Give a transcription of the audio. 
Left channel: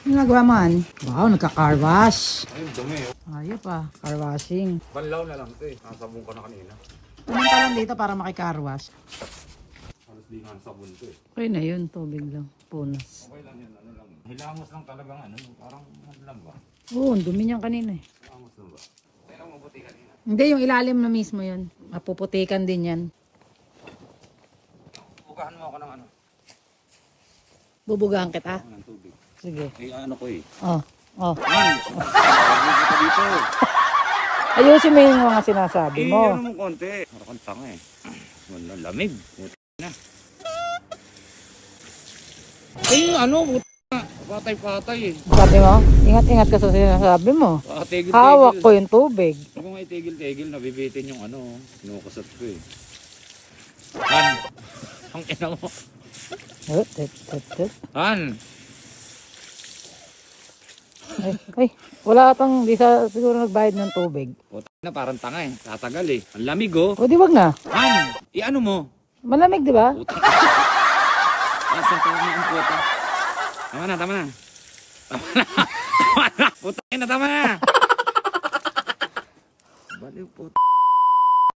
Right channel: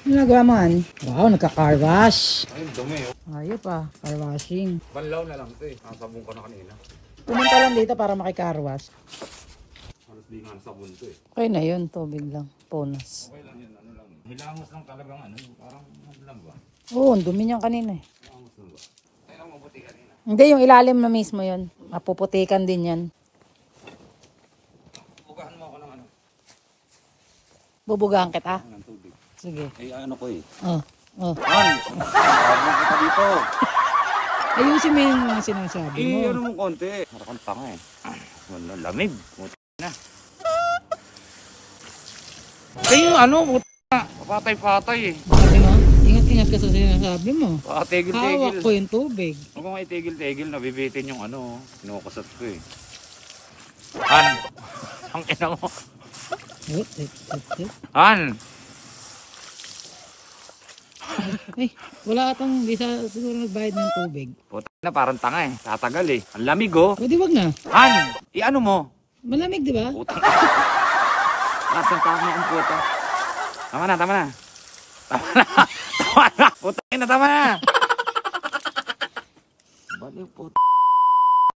Ano nagawa mo, Han? Wow, nagka-car wash. Ayun, dumi. Ayop pa, car washing. Banlaw na lang ito eh. Nasabong ko na kanina. Pumunta lang dito para maki-car wash. Halos di nga nasabon ito eh. Okay na yun, tubig lang. Punas. Okay lang yan, ano lang. Hilamos lang talagang ano, parang ano lang ba? Oo, ang dumi niyan kanina eh. Hilamos lang ba? Tayo lang mabuti kanina. Hindi, yung ilalim na mismo yun. Mapuputikan din yan. Bukahan mo ako ng ano? Bubugahan kita. Ng tubig. Sige. Eh ano ko eh. Oh, oh. Ano? Sabi ko dito. Ayusin mo yung mga sinasabi Eh, mo. ano mong konti. Marakang panga eh. Wala, lamig. Puta na. Eh yung ano, puta. Patay-patay eh. Sabi mo, ingat-ingat ka sa sinasabi mo. Tigil-tigil. Hawak ko yung tubig. Huwag kong itigil-tigil, nabibitin yung ano. Kinukasat ko eh. Han! Ang ina mo. Han! Ay, wala atang, di sa siguro nagbayad ng tubig. Puta na, parang tanga eh. Tatagal eh. Ang lamig oh. Pwede wag na. Han! I-ano mo? Malamig, di ba? Puta. Atong tanga ng puta. Tama na, tama na. Tama na. Tama na. Puta na, tama na.